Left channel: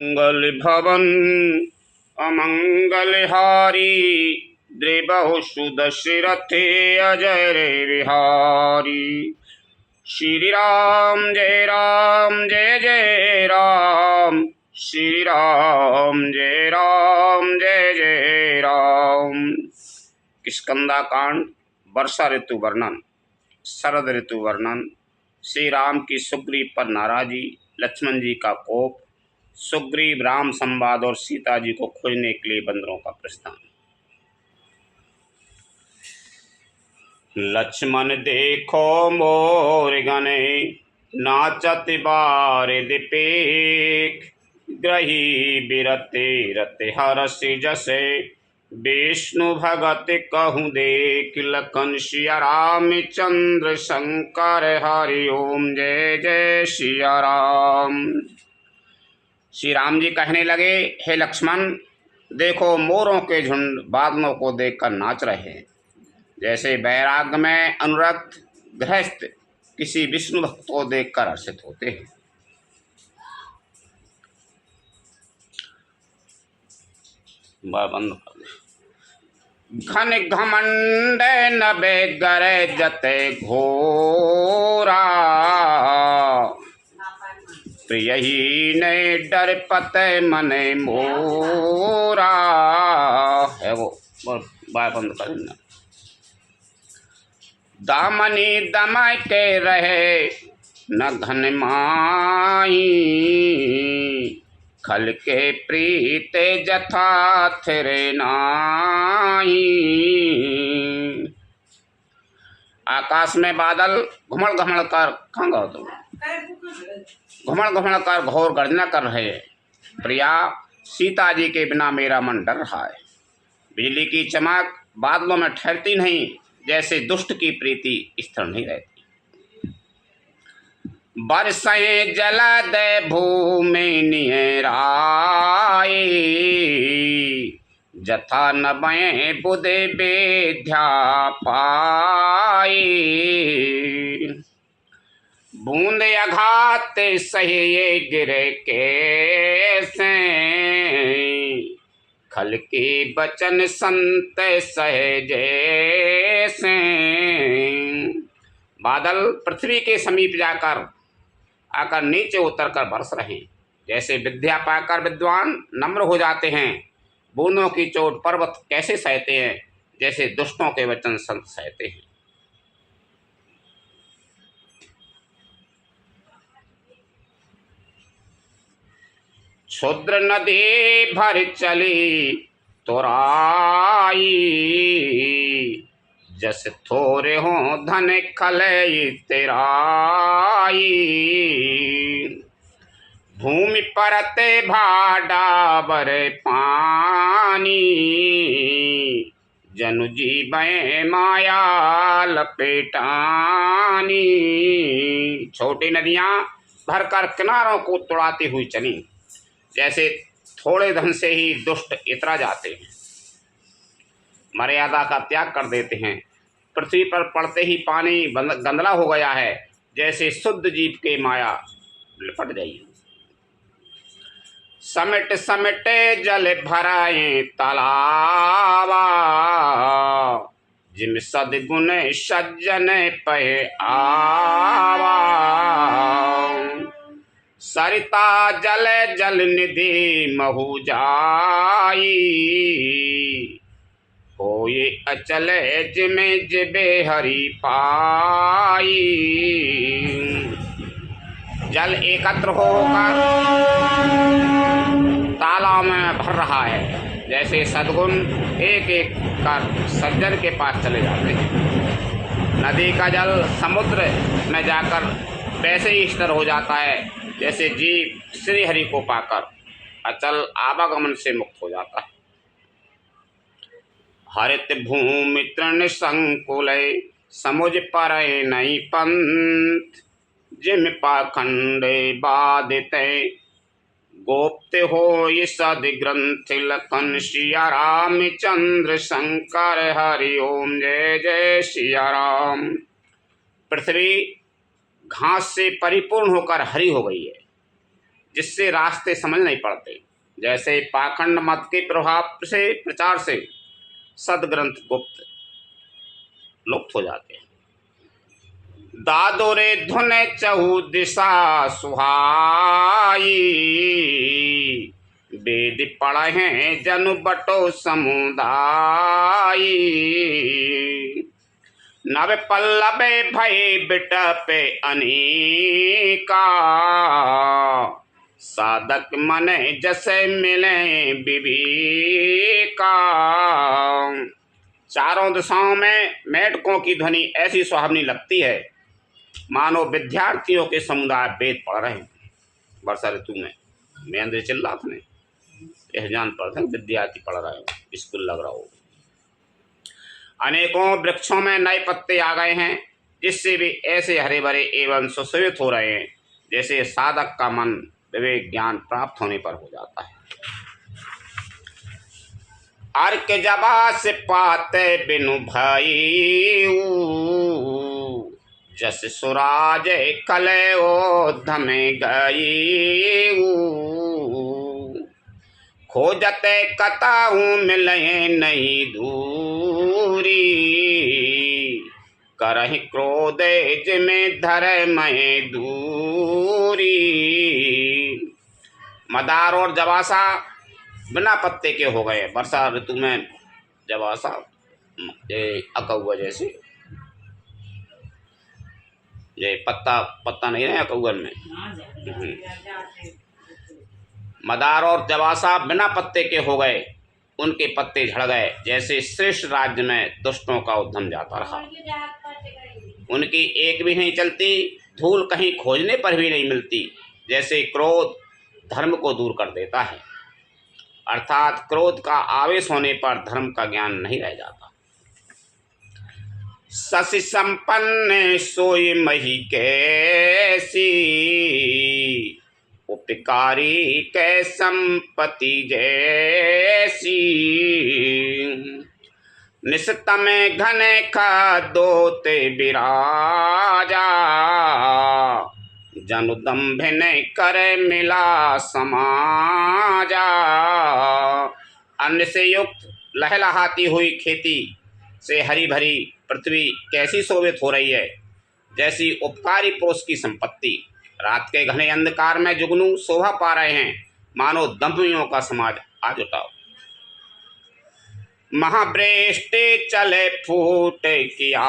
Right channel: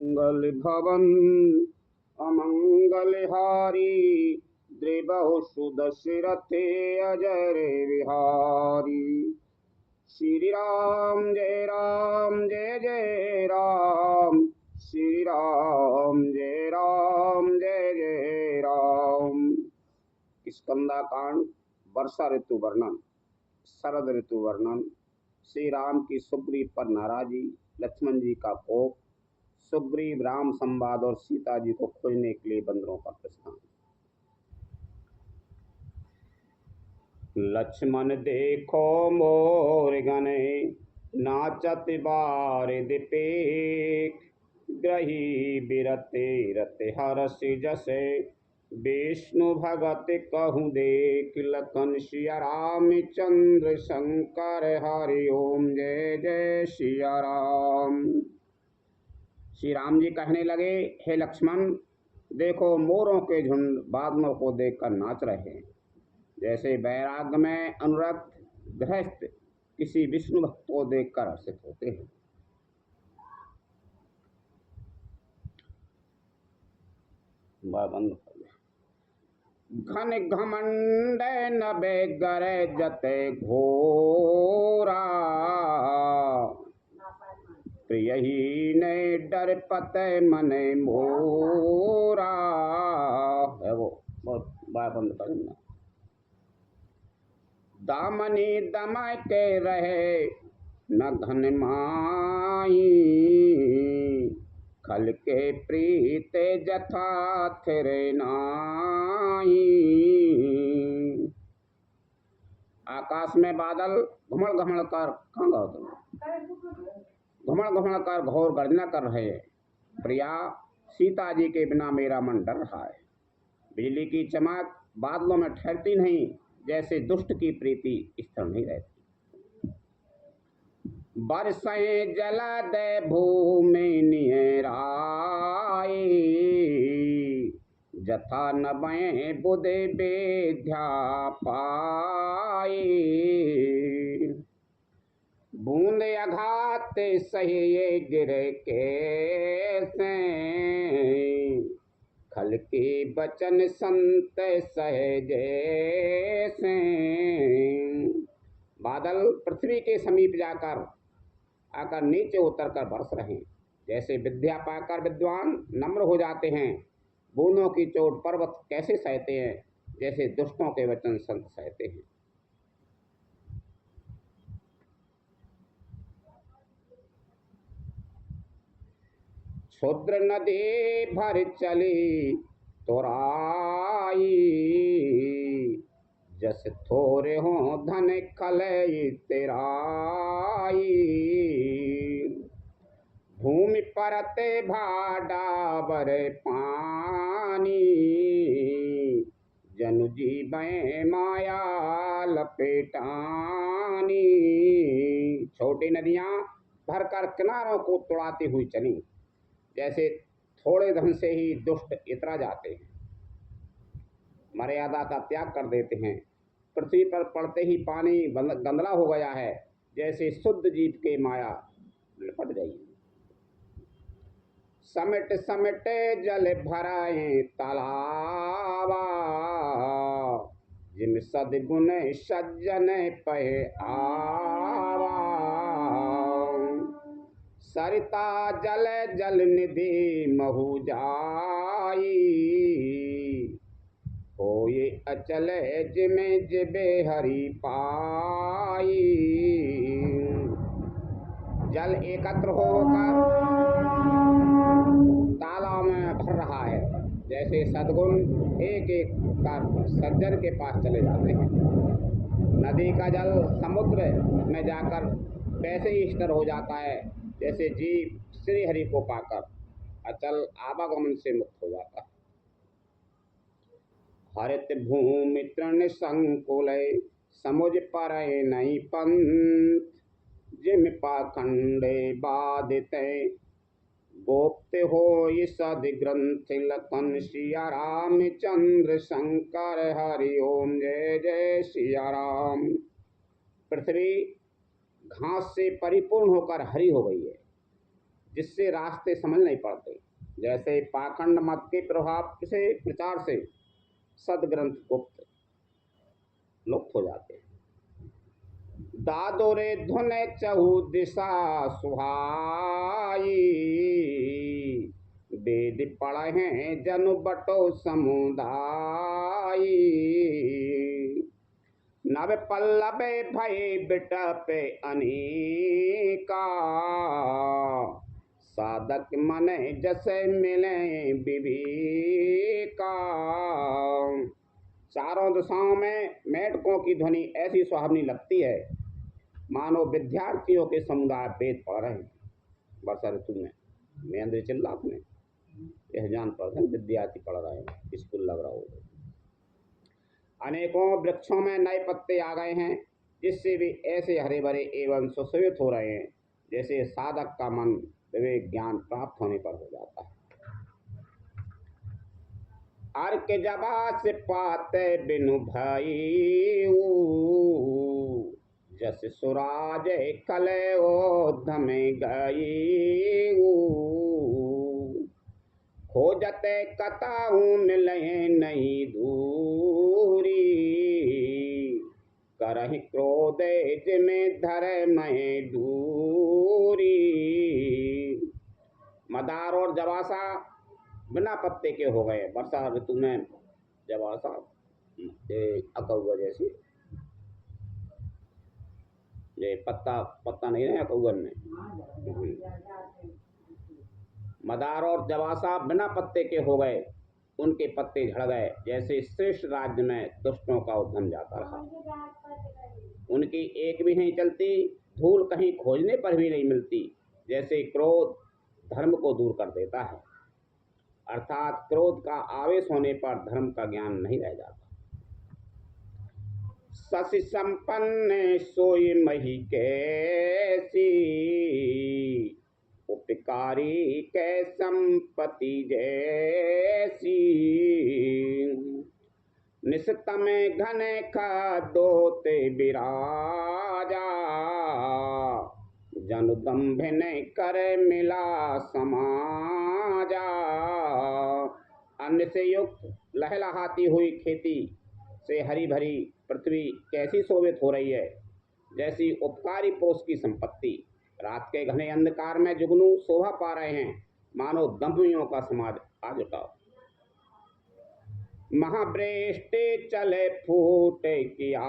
मंगल भवन अमंगलहारी द्रिबहु सुदशरथे अजय रे विहारी। श्री राम जय जय राम, श्री राम जय जय राम। किष्किंधा कांड, वर्षा ऋतु वर्णन। शरद ऋतु वर्णन। श्री राम की सुग्रीव पर नाराजी, लक्ष्मण जी का कोप, सुग्रीव राम संवाद और सीता जी को खोजने के लिए बंदरों का प्रस्थान। लक्ष्मण देखो मोर गने, नाचत बारिद पेख, ग्रही बिरते रते हरस जसे, विष्णु भगत कहूँ देख, लखन सिया राम चंद्र शंकर हरि ओम जय जय सिया राम। श्री राम जी कहने लगे, हे लक्ष्मण, देखो मोरों के झुंड बादलों को देखकर नाच रहे हैं, जैसे वैराग्य में अनुरक्त गृहस्थ किसी विष्णु भक्त को देखकर हर्षित होते हैं। बंद कर दे। घन घमंड नबे गरे जते घोरा, प्रिय ही ने डर पते मने मोरा। है वो बाय बंद कर देना। दामनी दमाय के रहे न घन माई, खल के प्रीते जथा थिरे नाई। आकाश में बादल घुमड़ घुमड़ कर घुमड़ घुमड़ कर घोर गर्जना कर रहे हैं। प्रिया, सीता जी के बिना मेरा मन डर रहा है। बिजली की चमक बादलों में ठहरती नहीं, जैसे दुष्ट की प्रीति स्थिर नहीं रहती। बरसें जल दे भूमि निहराए, जथा नबे बुधे बेध्या पाए। बूंद अघात सहे गिरे कैसे, खल के बचन संत सहजे से। बादल पृथ्वी के समीप जाकर आकर नीचे उतरकर बरस रहे हैं, जैसे विद्या पाकर विद्वान नम्र हो जाते हैं। बूंदों की चोट पर्वत कैसे सहते हैं, जैसे दुष्टों के वचन संत सहते हैं। क्षुद्र नदी भर चली तोराई, जस थोरे हो धन खले तेराई। भूमि परते भाडावर पानी, जनु जीवे माया लपेटानी। छोटी नदियां भरकर किनारों को तुड़ाती हुई चली, जैसे थोड़े धन से ही दुष्ट इतरा जाते हैं, मर्यादा का त्याग कर देते हैं। पृथ्वी पर पड़ते ही पानी गंदला हो गया है, जैसे शुद्ध जीव के माया लिपट गई। समिट समिटे जल भराए तालावा, जिम सदगुण सज्जन पे आवा। सरिता जल जल निधि महु जाई, होए अचल जिमे जिबे हरि पाई। जल एकत्र होकर तालाब में भर रहा है, जैसे सद्गुण एक एक कर सज्जन के पास चले जाते हैं। नदी का जल समुद्र में जाकर वैसे ही स्थिर हो जाता है, जैसे जीव श्री हरि को पाकर अचल आवागमन से मुक्त हो जाता है। हरित भूमि तृण संकुल, समुझ पर नहीं पंथ, जिम पाखंड बाधित गोप्त हो सद ग्रंथ। लखन सिया राम चंद्र शंकर हरि ओम जय जय सिया राम। पृथ्वी घास से परिपूर्ण होकर हरी हो गई है, जिससे रास्ते समझ नहीं पड़ते। जैसे पाखंड मत के प्रभाव से प्रचार से सदग्रंथ गुप्त लुप्त हो जाते हैं। दादोरे धुन चहु दिशा सुहाई, वेद पढ़े जनु बटो समुदाय। नव पल्लवे भय बिटपे अनेका, साधक मने जैसे मिले विवेका। चारों दिशाओं में मेढकों की ध्वनि ऐसी सुहावनी लगती है मानो विद्यार्थियों के समुदाय वेद पढ़ रहे हैं। वर्षा ऋतु में महेंद्र चिल्ला था ने यह जान पड़ता विद्यार्थी पढ़ रहे हो, स्कूल लग रहा हो। अनेकों वृक्षों में नए पत्ते आ गए हैं, जिससे भी ऐसे हरे भरे एवं सुशोभित हो रहे हैं जैसे साधक का मन विवेक ज्ञान प्राप्त होने पर हो जाता है। अर्क जबा से पाते बिनु भाई, जस सुराज कले ओध में गई। खोजते कताहू मिले नहीं दूरी, करहि क्रोधे जिमें धरे मैं दूरी। मदार और जवासा बिना पत्ते के हो गए। वर्षा ऋतु में जवासा अकौआ जैसे ये पत्ता नहीं रहे अकौअन में। मदार और जवासा बिना पत्ते के हो गए, उनके पत्ते झड़ गए। जैसे श्रेष्ठ राज्य में दुष्टों का उद्यम जाता रहा, उनकी एक भी नहीं चलती, धूल कहीं खोजने पर भी नहीं मिलती। जैसे क्रोध धर्म को दूर कर देता है, अर्थात क्रोध का आवेश होने पर धर्म का ज्ञान नहीं रह जाता। शशि संपन्न सोई मही कैसी, उपकारी कै संपत्ति जैसी। निस्तम घन खादोते विराजा, जनु दंभिन कर मिला समाजा। अन्न से युक्त लहलहाती हुई खेती से हरी भरी पृथ्वी कैसी शोभित हो रही है, जैसी उपकारी पुरुष की संपत्ति। रात के घने अंधकार में जुगनू शोभा पा रहे हैं, मानो दंभियों का समाज आज उठाओ। महावृष्टि चले फूट कियारी,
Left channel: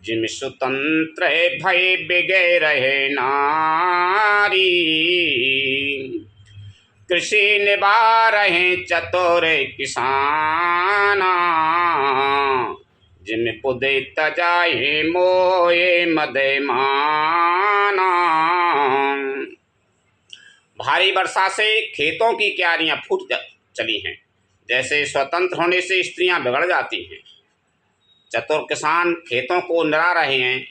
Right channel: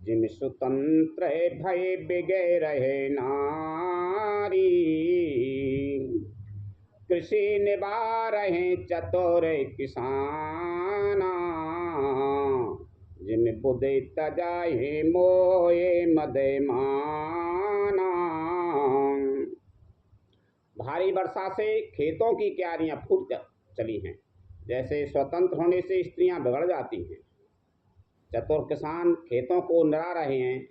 जिम स्वतंत्र भय बिगे रहे नारी। कृषि निभा रहे चतुर किसाना, जिम बुद्धि तजाए मोए मदे माना। भारी वर्षा से खेतों की क्यारियां फूट चली हैं, जैसे स्वतंत्र होने से स्त्रियां बिगड़ जाती हैं। चतुर किसान खेतों को निरा रहे हैं,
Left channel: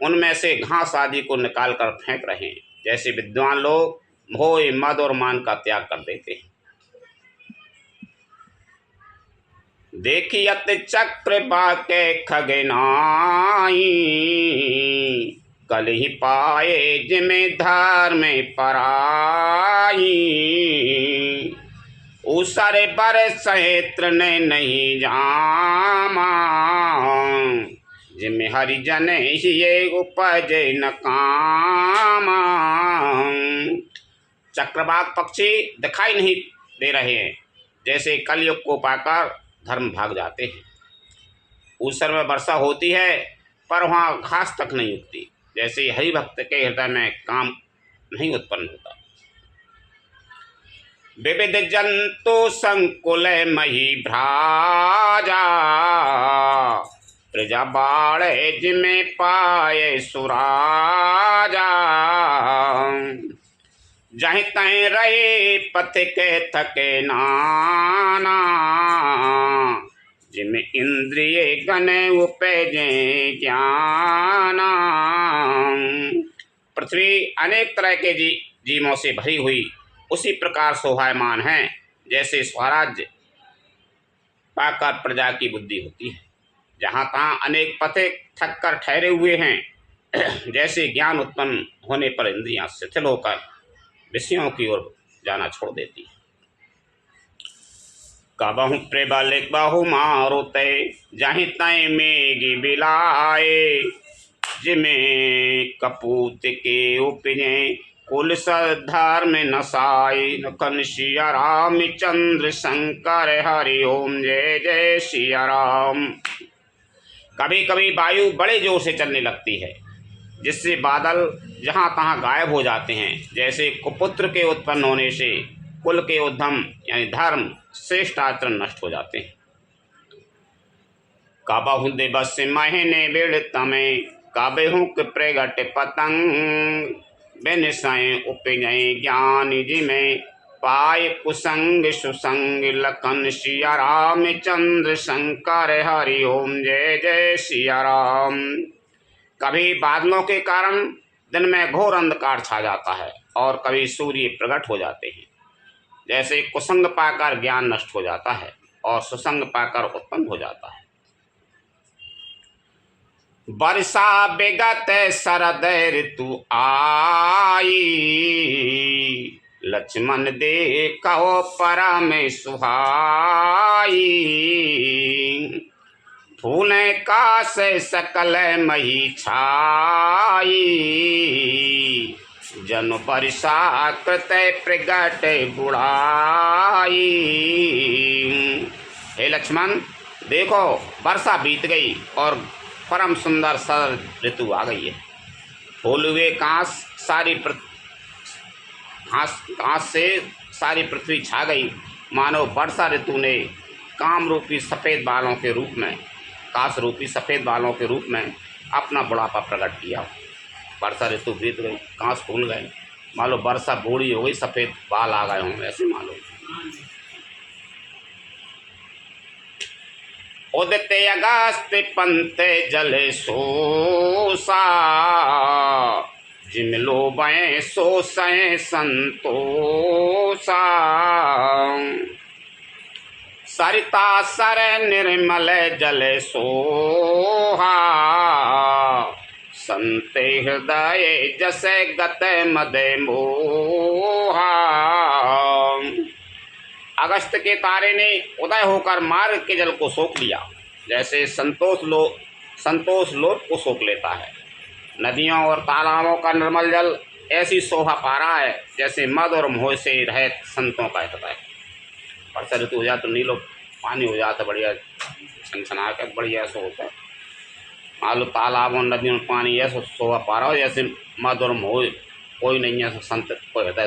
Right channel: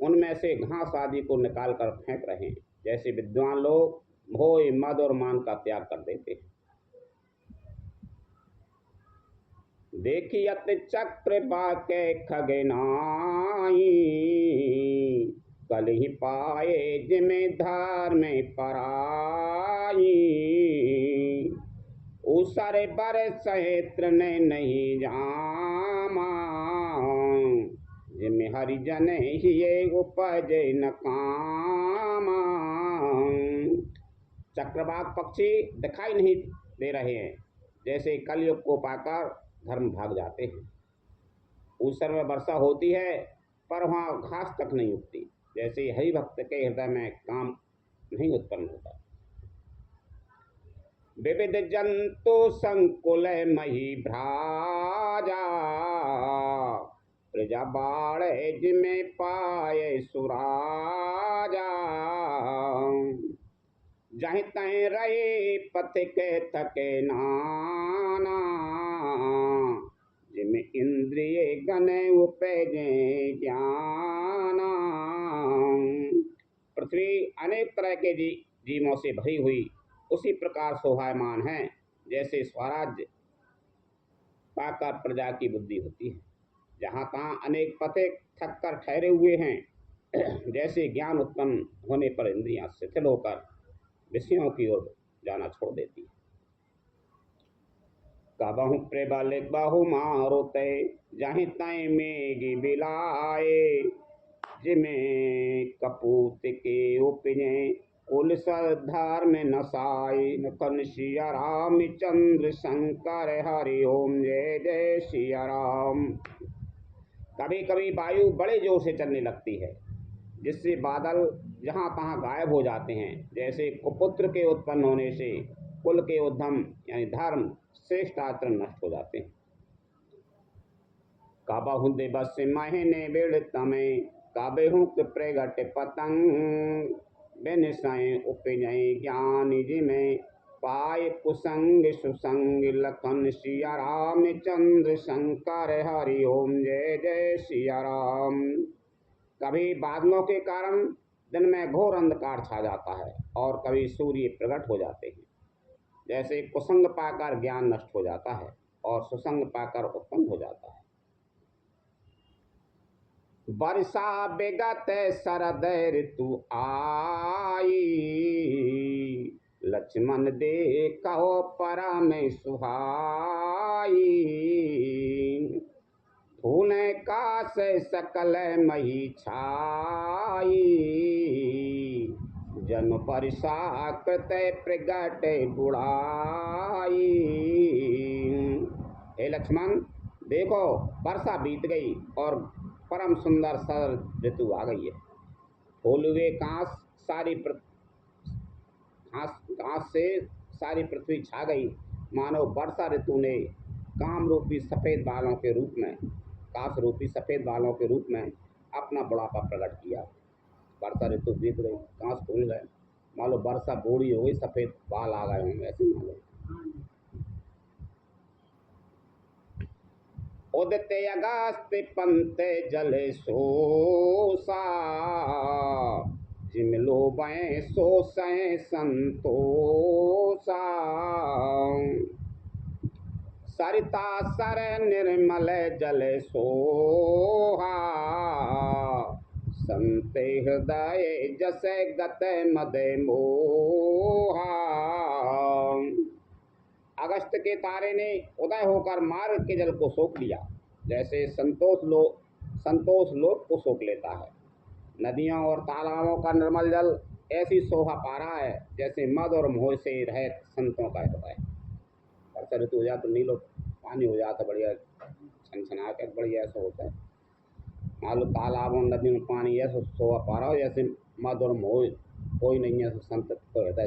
उनमें से घास आदि को निकाल कर फेंक रहे हैं। जैसे विद्वान लोग मोह मद और मान का त्याग कर देते हैं। देखियत चक्र बाके खगनाई, कल ही पाए जिम्मेदार में पराई। उसरे बरस क्षेत्र ने नहीं जामा, जिम्मे हरिजन ये उपज न कामा। चक्रवात पक्षी दिखाई नहीं दे रहे हैं, जैसे कलयुग को पाकर धर्म भाग जाते हैं। ऊसर में वर्षा होती है पर वहाँ घास तक नहीं उगती, जैसे हरि भक्त के हृदय में काम नहीं उत्पन्न होता। विविध जंतु संकुल मही भ्राजा, प्रजा बाड़े जिमे पाए सुराजा। जहीं तहीं रहे पथ के थके नाना, जिमे इंद्रिय गने उपजे ज्ञाना। पृथ्वी अनेक तरह के जीवों से भरी हुई उसी प्रकार शोभायमान है, जैसे स्वराज्य पाकर प्रजा की बुद्धि होती है। जहाँ तहाँ अनेक पथे थक कर ठहरे हुए हैं, जैसे ज्ञान उत्पन्न होने पर इंद्रियां शिथिल होकर विषयों की ओर जाना छोड़ देती है। कबहु प्रबल बहु मारुते जहीं तय मेघ बिलाए, जिमें कपूत के उपजे कुल धर्म नसाए। नखन सिया रामचंद्र शंकर हरि ओम जय जय सिया राम। कभी कभी वायु बड़े जोर से चलने लगती है, जिससे बादल जहाँ तहाँ गायब हो जाते हैं। जैसे कुपुत्र के उत्पन्न होने से कुल के उद्यम यानी धर्म श्रेष्ठ आचरण नष्ट हो जाते हैं। काबहु दिवस महीने बेड़ तमे काबहु प्रगट पतंग, बिन सय उपजय ज्ञान जिमे पाय कुसंग सुसंग। लखन सिया रामचंद्र शंकर हरि ओम जय जय सिया राम। कभी बादलों के कारण दिन में घोर अंधकार छा जाता है और कभी सूर्य प्रकट हो जाते हैं। जैसे कुसंग पाकर ज्ञान नष्ट हो जाता है और सुसंग पाकर उत्पन्न हो जाता है। वर्षा विगत शरद ऋतु आई, लक्ष्मण देखो परम सुहाई। फूले का से सकल मही छाई, जन वर्षा कृत प्रगट बुढ़ाई। हे लक्ष्मण देखो, वर्षा बीत गई और परम सुंदर शरद ऋतु आ गई है। फूल हुए घास से सारी पृथ्वी छा गई, मानो वर्षा ऋतु ने काम रूपी सफ़ेद बालों के रूप में, काश रूपी सफ़ेद बालों के रूप में अपना बुढ़ापा प्रकट किया। वर्षा ऋतु बीत गई, कांस फूल गए, मान लो वर्षा बूढ़ी हो गई, सफ़ेद बाल आ गए होंगे, ऐसे मान लो। उदते अगस्त पंत जल सोसा, जिम लोबे सोसै संतोषा। सरिता सर निर्मल जल सोहा, संते हृदय जसे गत मद मोहा। अगस्त के तारे ने उदय होकर मार्ग के जल को सोख लिया, जैसे संतोष लोट को सोख लेता है। नदियों और तालाबों का निर्मल जल ऐसी शोभा पा रहा है जैसे मद और मोह से रहित संतों का हृदय। वर्षा ऋतु हो जाए तो नीलो पानी हो जाता, बढ़िया छनछना कर बढ़िया ऐसा होता है। मान लो तालाब और नदियों में पानी ऐसा शोभा पा रहा हो जैसे मद और मोह कोई नहीं है, संत कोई हृदय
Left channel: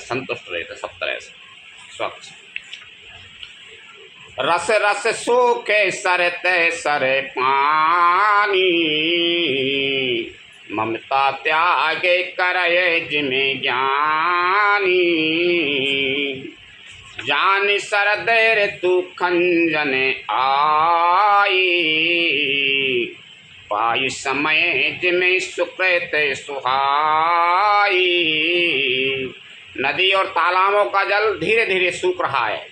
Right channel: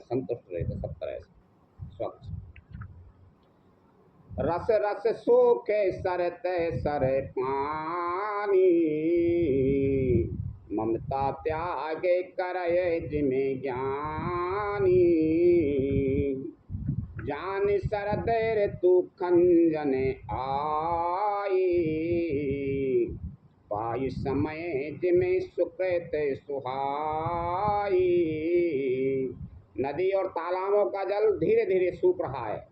संतुष्ट रहते सब तरह से स्वच्छ। रस रस सूखे सरते सरे पानी, ममता त्यागे करे जिमे ज्ञानी। जान शरद ऋतु खंजन आई, पाई समय जिमे सुकृत सुहाई। नदी और तालाबों का जल धीरे धीरे सूख रहा है,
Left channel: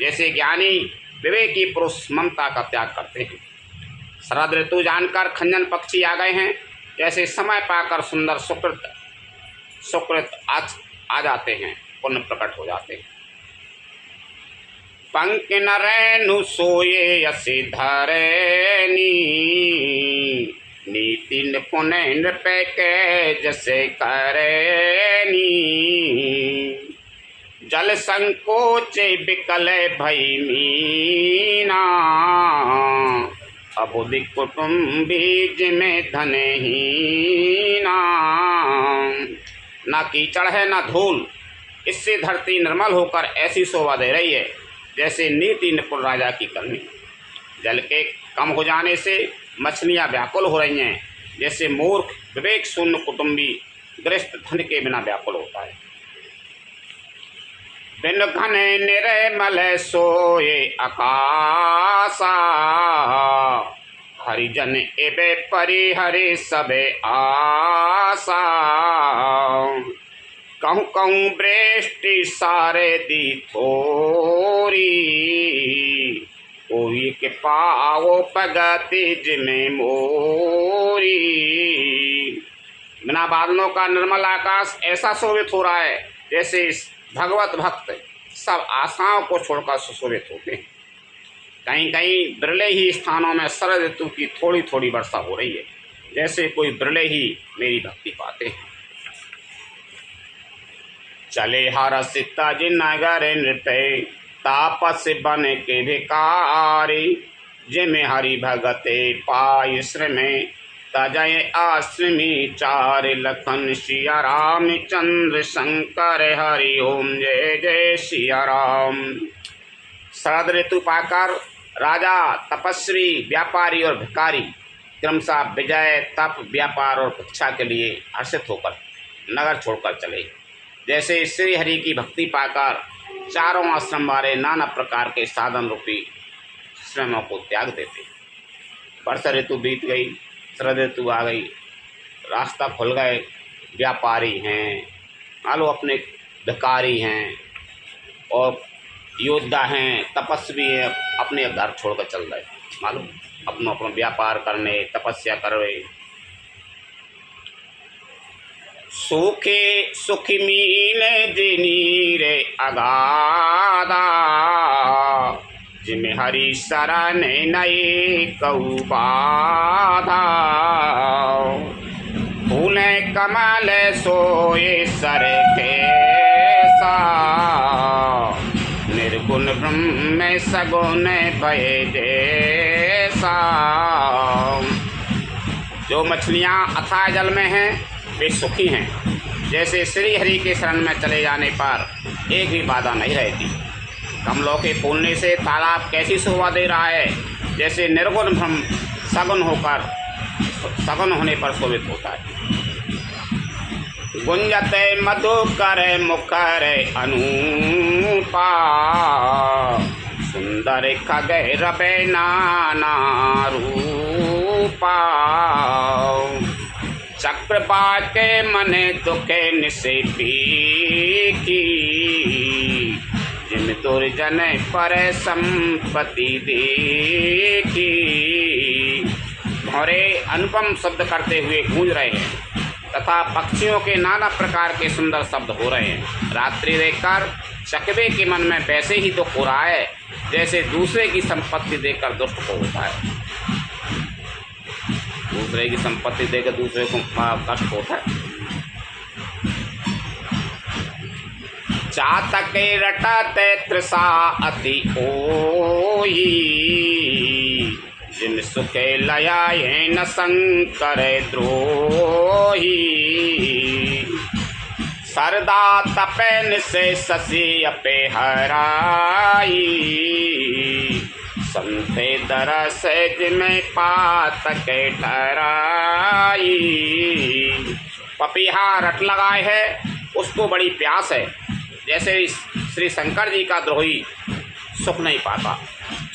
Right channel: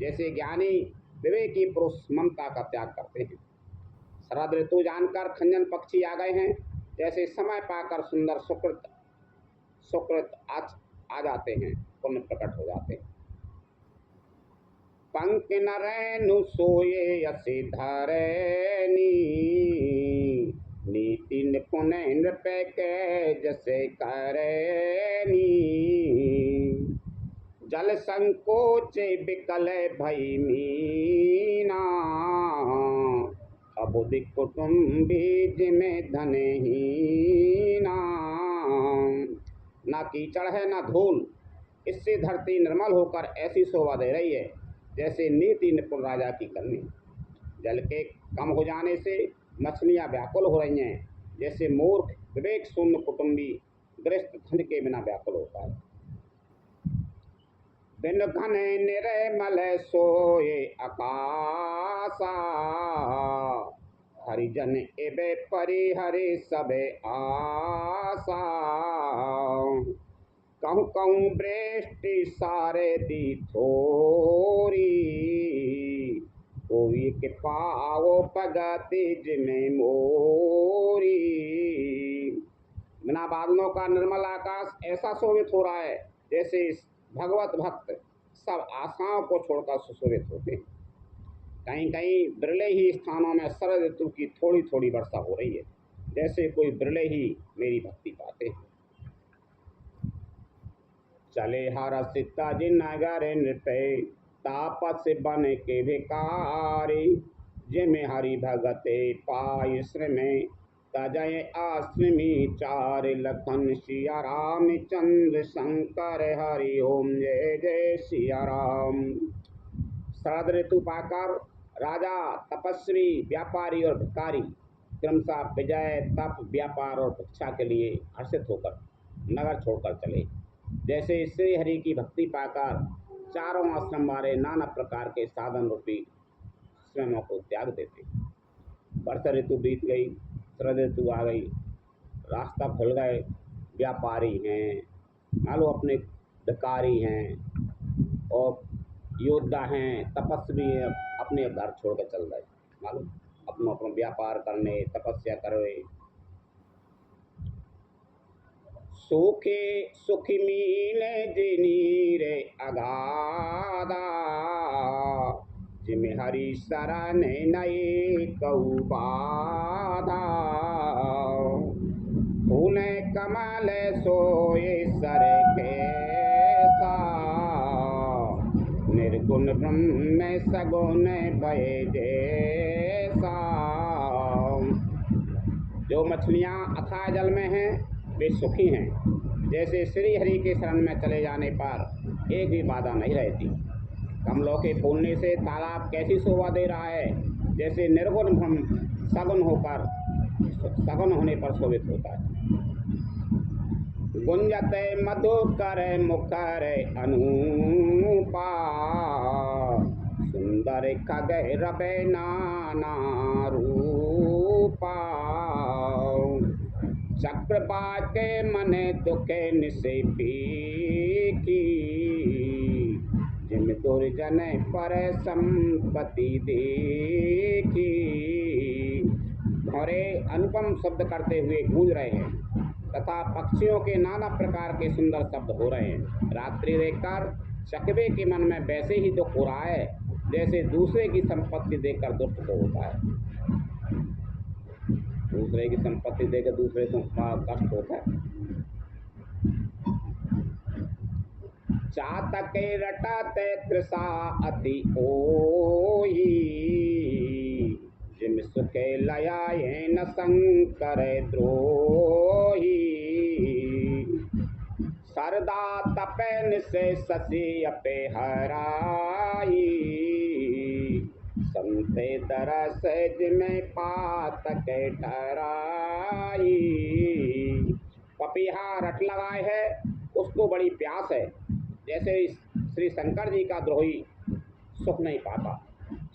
जैसे ज्ञानी विवेकी पुरुष ममता का त्याग करते हैं। शरद ऋतु जानकर खंजन पक्षी आ गए हैं, जैसे समय पाकर सुंदर सुकृत आ जाते हैं, पुण्य प्रकट हो जाते हैं। पंख नरैनु सोये असी धरनी, नीति निपुण नृप के जैसे करनी। जल संकोच बिकल भई मीना, अबुद्धि कुटुम्बी जिमें धन हीना। ना कीचड़ है ना धूल, इससे धरती निर्मल होकर ऐसी शोभा दे रही है जैसे नीति निपुण राजा की करनी। जल के कम हो जाने से मछलियाँ व्याकुल हो रही हैं, जैसे मूर्ख विवेक शून्य कुटुंबी गृहस्थ धन के बिना व्याकुल होता है। बिन घन निर्मल सोए आकाशा, हरिजन एबे परिहरे सबे आशा। कहूँ कहूँ वृष्टि सारे दी थोरी, कोई के पाओ पगति जिमें मोरी। बिना बादलों का निर्मल आकाश ऐसा शोभित हो रहा है जैसे भगवत भक्त सब आशाओं को छोड़कर सुशोभित होते हैं। कहीं कहीं बिरले ही स्थानों में शरद ऋतु की थोड़ी थोड़ी वर्षा हो रही है, जैसे कोई बिरले ही मेरी भक्ति पाते हैं। चले हर सीता जी नगर नृत्य तापस बन के भिकारी। जिमे हरि भगते पाय श्रमे तजय आश्रमी चार। लखन सिया राम चंद्र शंकर हरि ओम जय जय सिया राम। शरद ऋतु पाकर राजा, तपस्वी, व्यापारी और भिखारी क्रमशः विजय, तप, व्यापार और भिक्षा के लिए हर्षित होकर नगर छोड़कर चले। जैसे श्री हरि की भक्ति पाकर चारों आश्रम वाले नाना प्रकार के साधन रूपी श्रमों को त्याग देते। वर्षा ऋतु बीत गई, शरद ऋतु आ गई, रास्ता खुल गए। व्यापारी हैं, मानो अपने भिखारी हैं और योद्धा हैं, तपस्वी हैं, अपने घर छोड़कर चल रहे, मालूम अपना व्यापार करने, तपस्या कर रहे। सूखे सुखी मीने जिनी रे अगाधा। जिमे हरि शरण नए कऊ बाधा। फूले कमल सोए सर कैसा। निर्गुण ब्रह्म सगुण भय जैसा। जो मछलियाँ अथाह जल में हैं वे सुखी हैं। जैसे श्री हरि के शरण में चले जाने पर एक भी बाधा नहीं रहती। कमलों के फूलने से तालाब कैसी शोभा दे रहा है, जैसे निर्गुण ब्रह्म सगुण होने पर शोभित होता है। गुंजते मधुकर मुखर अनूपा। सुंदर खगै रवे नाना रूपा। चक्रपात के मने दुखे निसेपी की। जिम दुर्जन पर संपत्ति देखी। भौरे अनुपम शब्द करते हुए गूंज रहे हैं तथा पक्षियों के नाना प्रकार के सुंदर शब्द हो रहे हैं। रात्रि देखकर चकवे के मन में वैसे ही दुख हो रहा है जैसे दूसरे की संपत्ति देखकर दुष्ट को होता है। दूसरे की संपत्ति देकर दूसरे को कष्ट होता है। चातक रटते तृषा अति ओई। जिन सुखे लयाए न शंकर द्रोही। सरदा तपन से शशि अपे हराई। संते दरस जिमें पातक ठहराई। पपीहा रट लगाए है, उसको बड़ी प्यास है। जैसे श्री शंकर जी का द्रोही सुख नहीं पाता,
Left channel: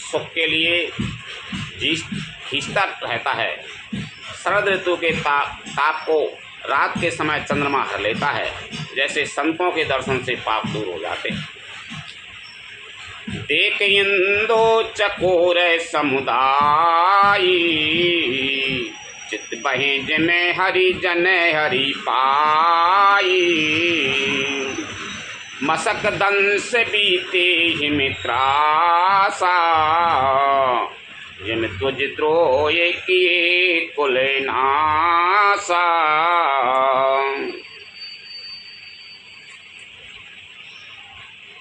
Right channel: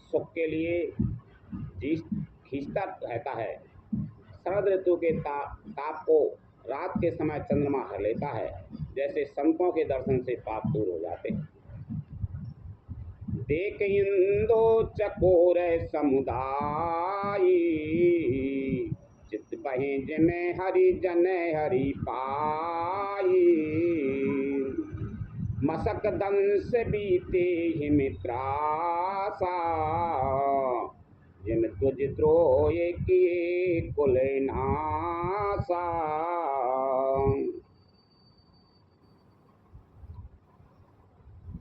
सुख के लिए खींचता रहता है। शरद ऋतु के ताप को रात के समय चंद्रमा हर लेता है। जैसे संतों के दर्शन से पाप दूर हो जाते हैं। देख इंदो चकोर समुदायी। चित बहे जिमें हरि जन हरि पाई। मसक दंस बीते ही मित्रासा। जिम तुझ द्रोह किए कुल नासा।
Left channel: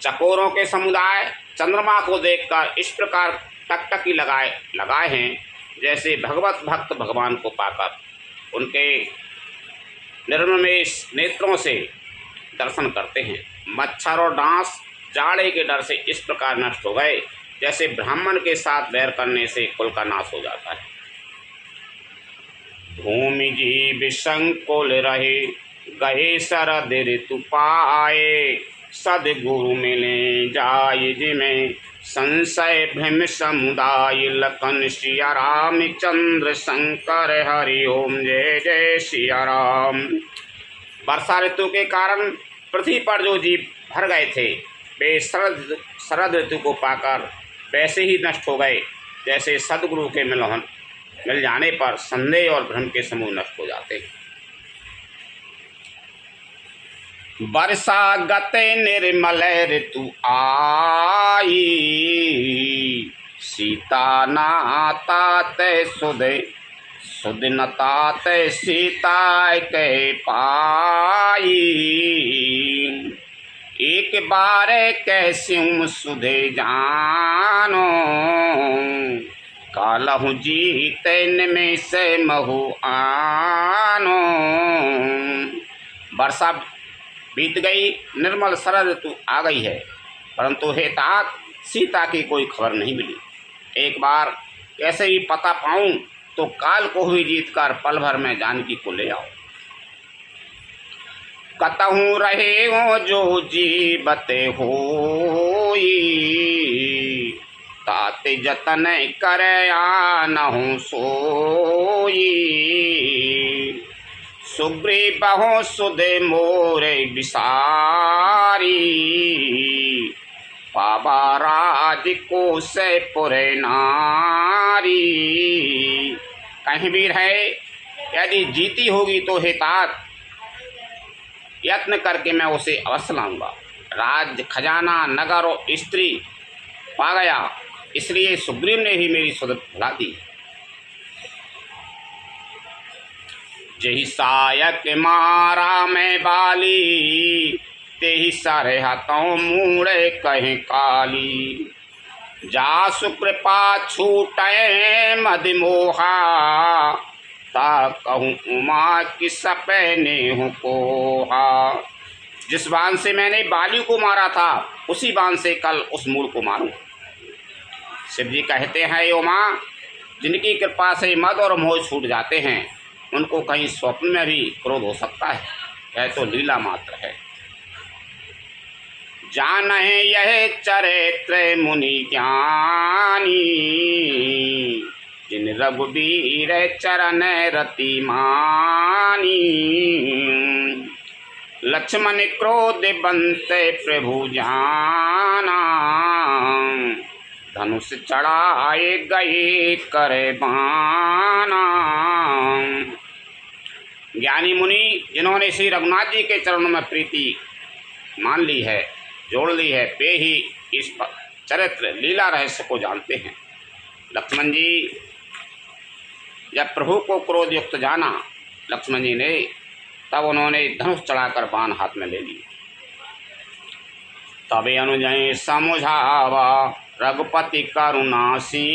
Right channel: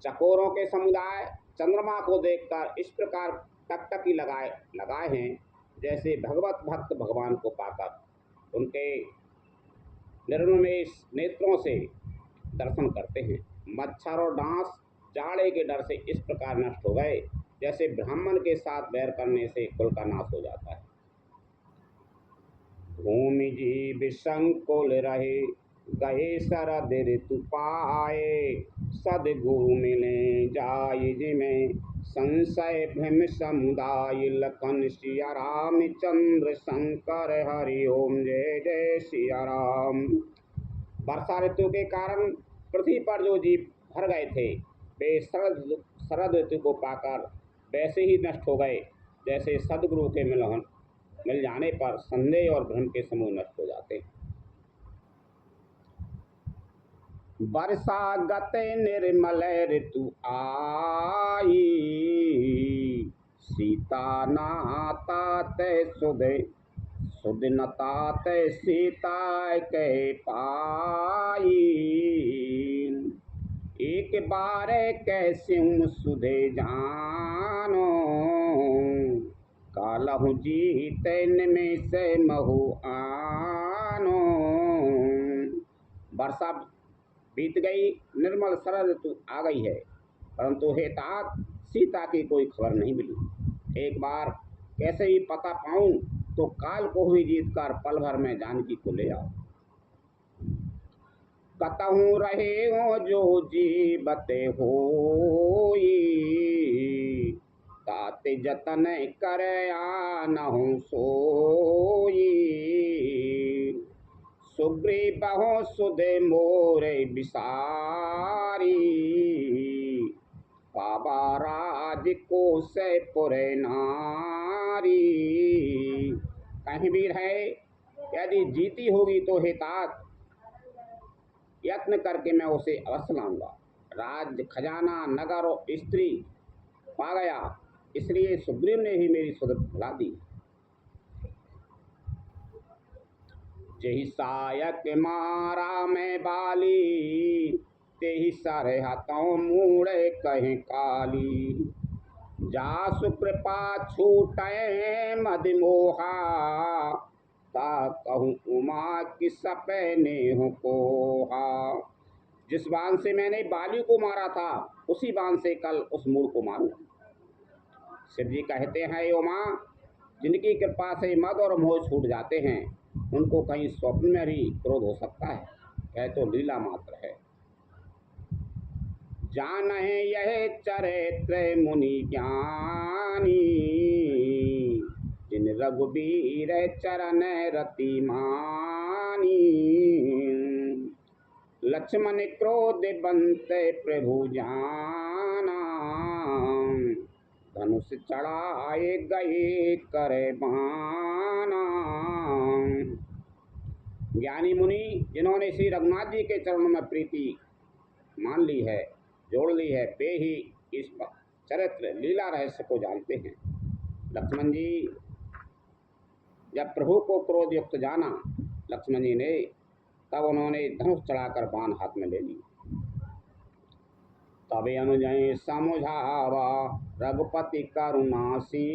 चकोरों के समुदाय चंद्रमा को देखकर इस प्रकार टकटकी लगाए हैं जैसे भगवत भक्त भगवान को पाकर उनके निर्ममेश नेत्रों से दर्शन करते हैं। मच्छर और डांस जाड़े के डर से इस प्रकार नष्ट हो गए जैसे ब्राह्मण के साथ बैर करने से कुल का नाश हो जाता है। भूमि जीव संकुल रहे गहे शरद ऋतु पाए। सदगुरु मिले जाय जिमें संशय भ्रम समुदाय। लखन सिया राम चंद्र शंकर हरि ओम जय जय सिया राम। वर्षा ऋतु के कारण पृथ्वी पर जो जीव भर गए थे वे शरद ऋतु को पाकर वैसे ही नष्ट हो गए जैसे सदगुरु के मिल जाने पर संदेह और भ्रम के समूह नष्ट हो जाते हैं। वर्षा गते निर्मल ऋतु आई, सीता नातात सुध नतात सीता के पाई। एक बार कैस्यूं सुधे जानो, कालहु जीते में से महु आनो। वर्षा बीत गई, निर्मल शरद ऋतु आ गई है, परंतु हे तात सीता की कोई खबर नहीं मिली। एक बार कैसे ही पता पाऊं तो काल को हुई जीत कर पल भर में जानकी को ले आओ। कतहूँ रहे हो जो जीवते होई, ताते जतन करे आनहु सोई। सुग्रीव बहु सुधे मोरे विसारी, पावा राज को से पुरे नारी। कहीं भी रहे, यदि जीती होगी तो हे तात यत्न करके मैं उसे अवश्य लाऊंगा। राज्य खजाना नगर और स्त्री पा गया, इसलिए सुग्रीव ने ही मेरी सुध भुला दी। जेहि सायक मारा मैं बाली, तेहि सारे हाथों मूड़े कहीं काली। जासु कृपा छूटे मदमोहा, ता कहूँ उमा की सपने हूँ कोहा। जिस बाण से मैंने बाली को मारा था उसी बाण से कल उस मूल को मारूं। शिव जी कहते हैं, उमा जिनकी कृपा से मद और मोह छूट जाते हैं उनको कहीं स्वप्न में भी क्रोध हो सकता है, यह तो लीला मात्र है। जाने यह चरित्र मुनि ज्ञानी, जिन रघुबीर चरण रति मानी। लक्ष्मण क्रोध बंते प्रभु जाना, धनुष चढ़ाए गए करे बाना। ज्ञानी मुनि जिन्होंने श्री रघुनाथ जी के चरणों में प्रीति मान ली है, जोड़ ली है, वे ही इस चरित्र लीला रहस्य को जानते हैं। लक्ष्मण जी जब प्रभु को क्रोध युक्त जाना लक्ष्मण जी ने, तब उन्होंने धनुष चढ़ाकर बाण हाथ में ले ली। तबे अनुजय समझावा रघुपति करुणासी,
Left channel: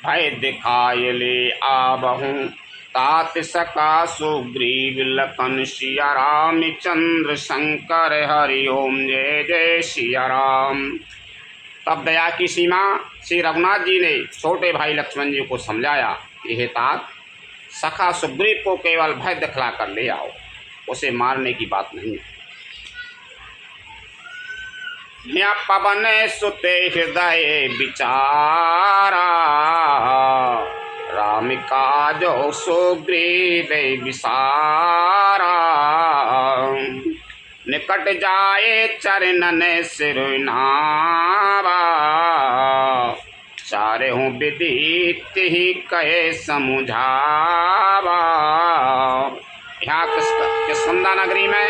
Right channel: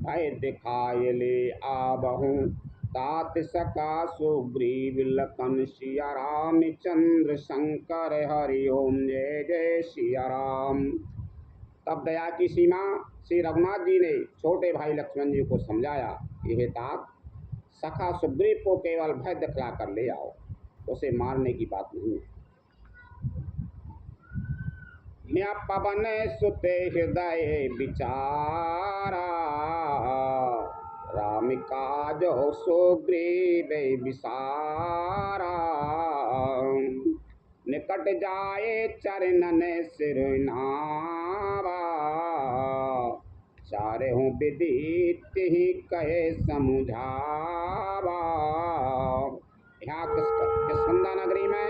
भय दिखाए ले आबहूँ तात सका सुग्रीव लखन सिया राम चंद्र शंकर हरि ओम जय जय सिया राम। तब दया की सीमा श्री रघुनाथ जी ने छोटे भाई लक्ष्मण जी को समझाया कि हे तात, सखा सुग्रीव को केवल भय दिखला कर ले आओ, उसे मारने की बात नहीं है। या पवन सुते हृदय विचारा, राम काजो सुग्रीव विसारा। निकट जाए चरणन सिरुनावा, चारे हूँ विदित ही कहे समझावा। यहाँ किष्किंधा नगरी में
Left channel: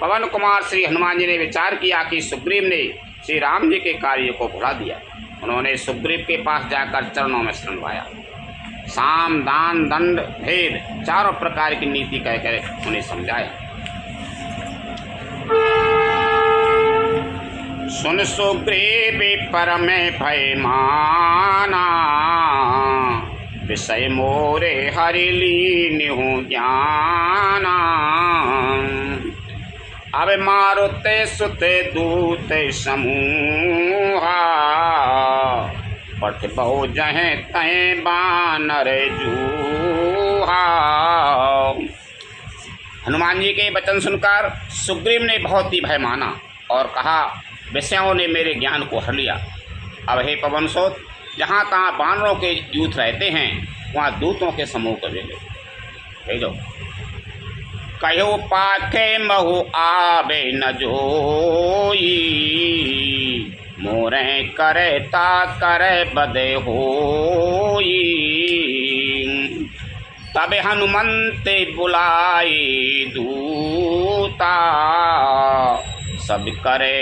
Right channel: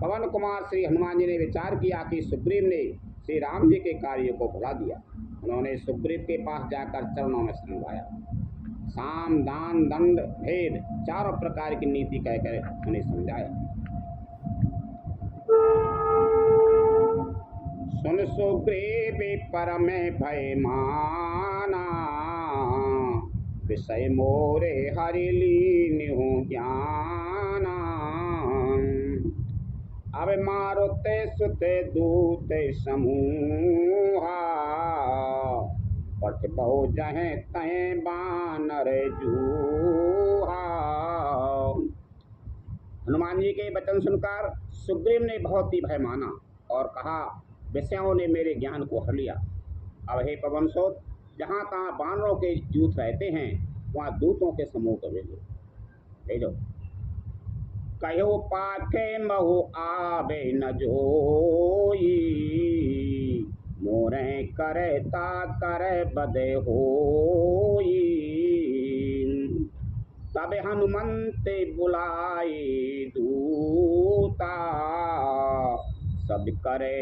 पवन कुमार श्री हनुमान जी ने विचार किया कि सुग्रीव ने श्री राम जी के कार्य को भुला दिया। उन्होंने सुग्रीव के पास जाकर चरणों में शरण पाया। साम दान दंड भेद चारों प्रकार की नीति कहकर उन्हें समझाया। सुन सुग्रीव परम भय माना, विषय मोरे हरि लीन हूँ ज्ञाना। अब मारुते सुते दूत समूहा, पठ बहु जहें तय बानर जूहा। हनुमान जी के वचन सुनकर सुग्रीव ने बहुत ही भय माना और कहा, विषयों ने मेरे ज्ञान को हर लिया। अब हे पवनसुत, जहाँ तहाँ बानरों के यूथ रहते हैं वहाँ दूतों के समूह को भेजो। कहो पाखे महु आबे न जोई, मोरे करे ता करे बदे होई। तबे हनुमंत बुलाई दूता, सब करे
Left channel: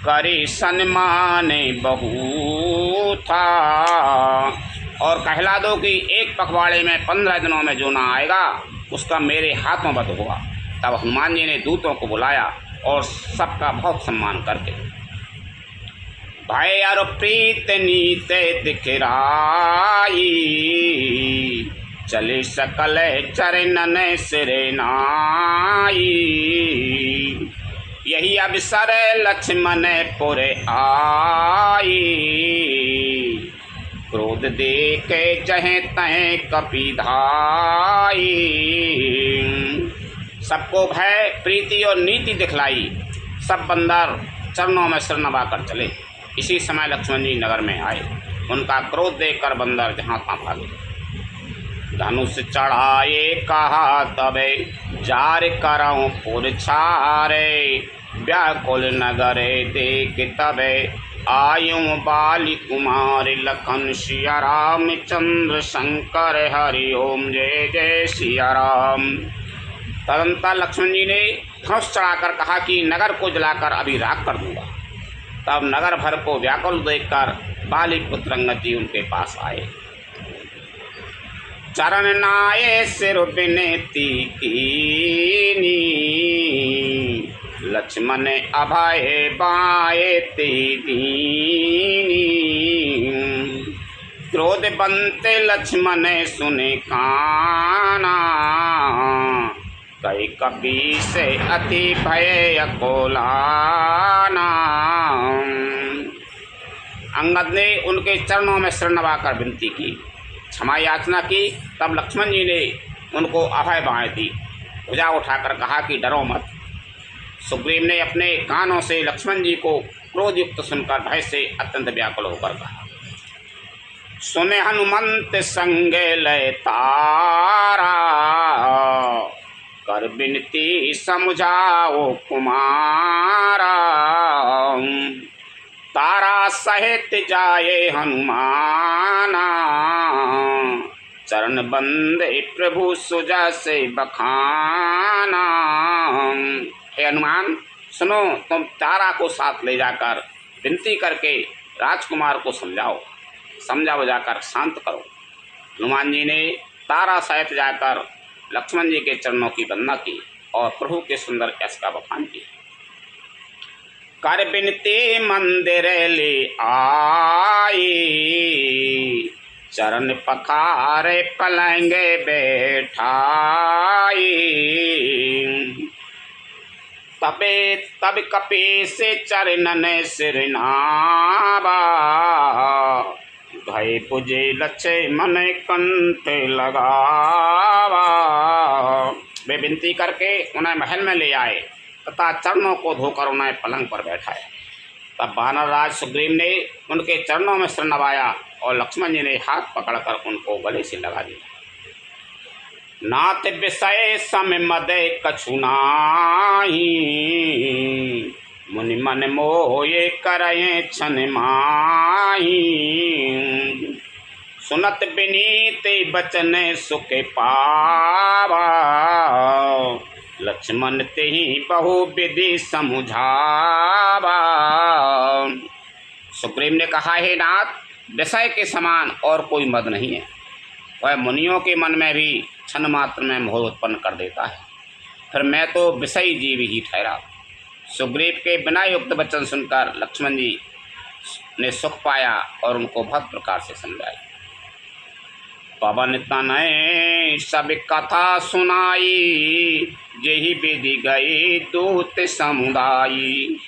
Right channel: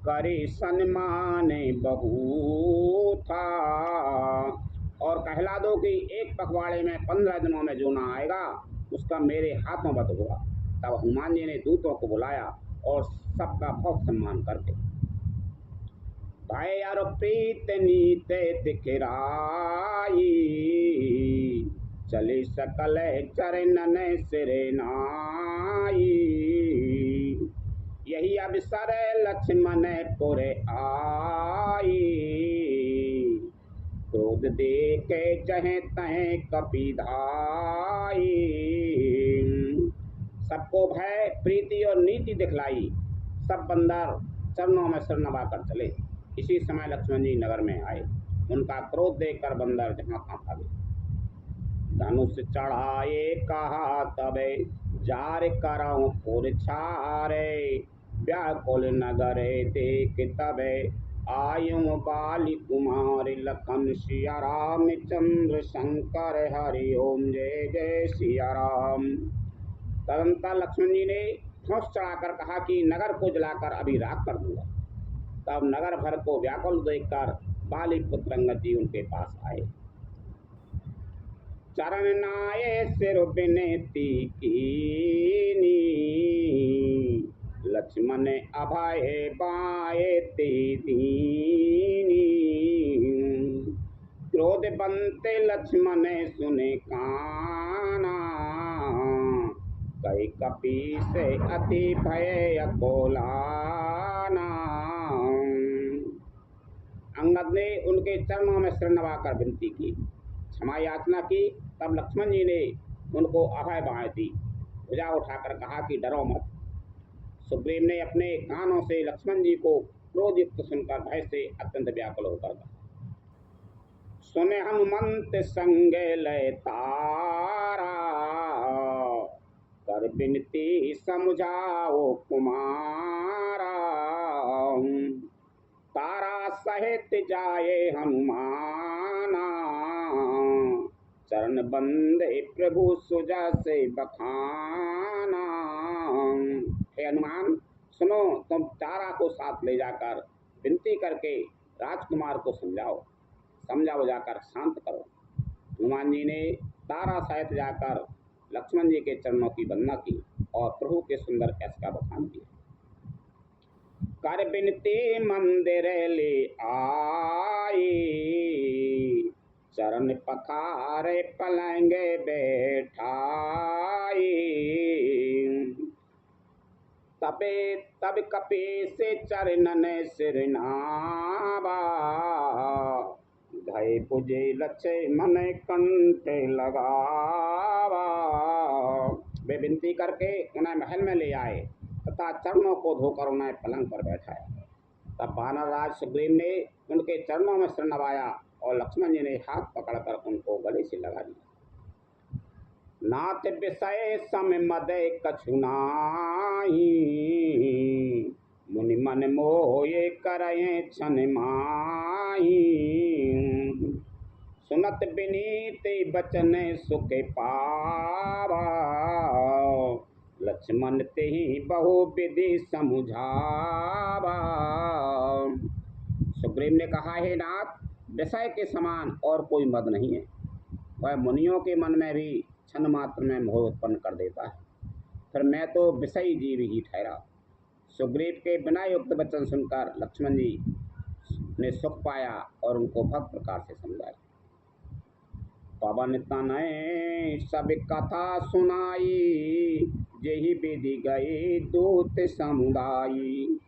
करी सन्मान बहु था। और कहला दो कि एक पखवाड़े में 15 दिनों में जो ना आएगा उसका मेरे हाथों बद होगा। तब हनुमान जी ने दूतों को बुलाया और सबका बहुत सम्मान करके भय और प्रीत नीते दिखराई, चले सकल चरणन सिरे नाई। यही अवसर लक्ष्मण पुरे आई, क्रोध देखे जहे तहे कपि धाई। सबको भय प्रीति और नीति दिखलाई, सब बंदर चरणों में सिर नवा कर चले। इसी समय लक्ष्मण जी नगर में आए, उनका क्रोध देखकर बंदर जहाँ तहाँ भागे। धनुष चढ़ाए कहा तबे जार करऊं पुर छारे, व्याकुल नगरे देख तबे आयुं बाली कुमार। लखन सिया राम चंद्र शंकर हरि ओम जय जय सिया राम। तदंतर लक्ष्मण जी ने धनुष चढ़ाकर कहा कि नगर को जलाकर अभी राख कर दूंगा। तब नगर भर को व्याकुल देखकर बाली पुत्र अंगद जी उनके पास आए। चरण नाये सिर विनती कीनी, लक्ष्मण अभय बाए ते दीनी। क्रोध बनते लक्ष्मण सुने काना, कई कपि से अति भय अकोलाना। अंगद ने उनके चरणों में सिर नवाकर विनती की, क्षमा याचना की। तब लक्ष्मण जी ने उनको अभय बाएं दी, भुजा उठाकर कहा कि डरो मत। सुग्रीव ने अपने कानों से लक्ष्मण जी को क्रोधयुक्त सुनकर भय से अत्यंत व्याकुल होकर कहा, सुने हनुमंत संगे लय तारा, कर बिनती समझाओ कुमारा। तारा सहित जाए हनुमाना, चरण बंदे प्रभु सुजा से बखाना। हे हनुमान सुनो, तुम तारा को साथ ले जाकर विनती करके राजकुमार को समझा बुझाकर शांत करो। हनुमान जी ने तारा सहित जाकर लक्ष्मण जी के चरणों की वंदना की और प्रभु के सुंदर यश का बखान किया। कर बिनती मंदिर ले आई, चरण पखारे पलंगे बैठाई। तबे तब कपि से चरणन सिर नावा, भय पुजे लक्ष्मण कंठ लगावा। वे विनती करके उन्हें महल में ले आए तथा चरणों को धोकर उन्हें पलंग पर बैठाया। तब वानर राज सुग्रीव ने उनके चरणों में सिर नवाया और लक्ष्मण जी ने हाथ पकड़कर उनको गले से लगा दिया। नाथ विषय सम मदे कछु नाहि, मुनि मन मोये करये छन माही। सुनत विनीत बचन सुख पावा, लक्ष्मण तेहि बहु विधि समझावा। सुग्रीव ने कहा, हे नाथ, विषय के समान और कोई मद नहीं है। वह मुनियों के मन में भी क्षण मात्र में मोह उत्पन्न कर देता है, फिर मैं तो विषयी जीव ही ठहरा। सुग्रीव के बिना युक्त वचन सुनकर लक्ष्मण जी ने सुख पाया और उनको भक्त प्रकार से समझाया। पवन तनय सब कथा सुनाई, यही विधि गई दूत समुदायी।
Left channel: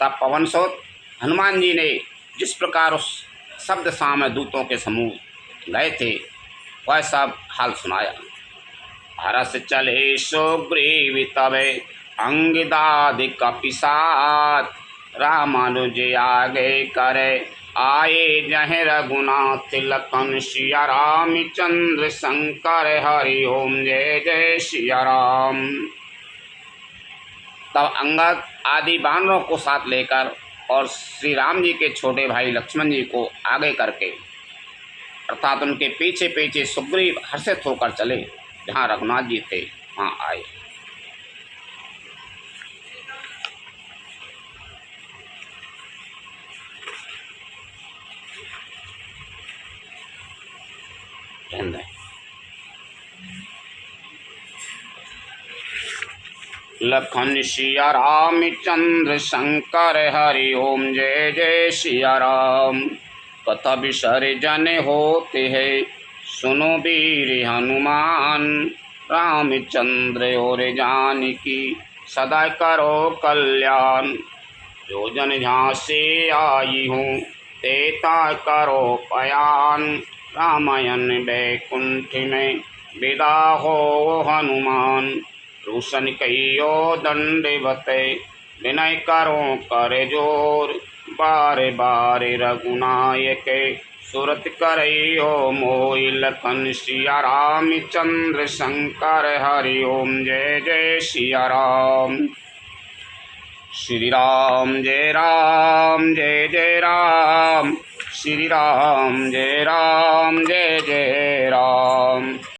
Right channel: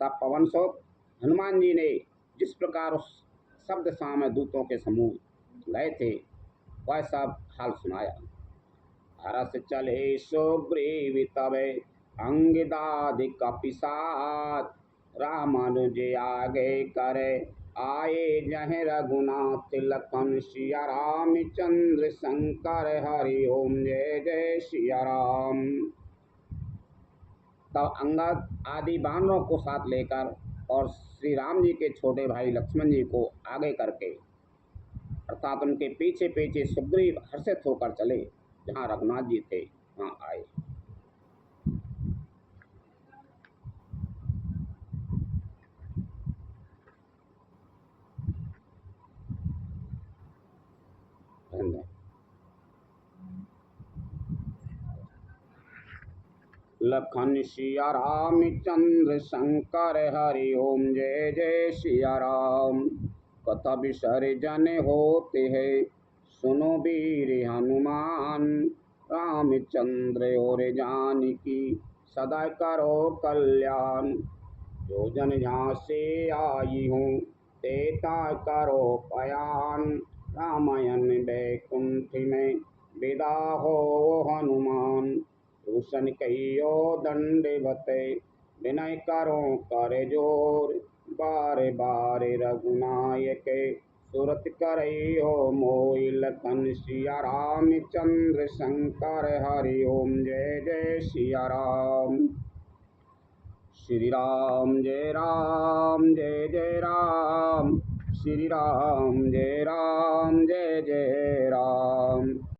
तब पवन सोत हनुमान जी ने जिस प्रकार उस शब्द सामने दूतों के समूह गए थे वह सब हाल सुनाया। हरस चले सुग्रीव तबे अंगदादि कपिसात, रामानुज आगे करे आए जहे रघुनाथ। लखन सिया राम चंद्र शंकर हरि ओम जय जय सिया राम। तब अंगद आदि वानरों को साथ लेकर और श्री राम जी के छोटे भाई लक्ष्मण जी को आगे करके, अर्थात उनके पीछे पीछे सुग्रीव हर्षित होकर चले। जहाँ रघुनाथ जी थे वहाँ आए। लखन सिया राम चंद्र शंकर हरि ओम जय जय सिया राम। कथा विसर्जन होते है सुनो वीर हनुमान। रामचंद्र और जानकी सदा करो कल्याण। जो जन जहाँ से आई हूँ तेता करो पयान। रामायण बैकुंठ में विदा हो हनुमान। रोशन कहियो दंडवते विनय करो कर जोर। बार बार रघुनायक सुरत करियो मोहि। लखन सिया राम चंद्र शंकर हरि ओम जय जय सिया राम। श्री राम जय जय राम। श्री राम जय जय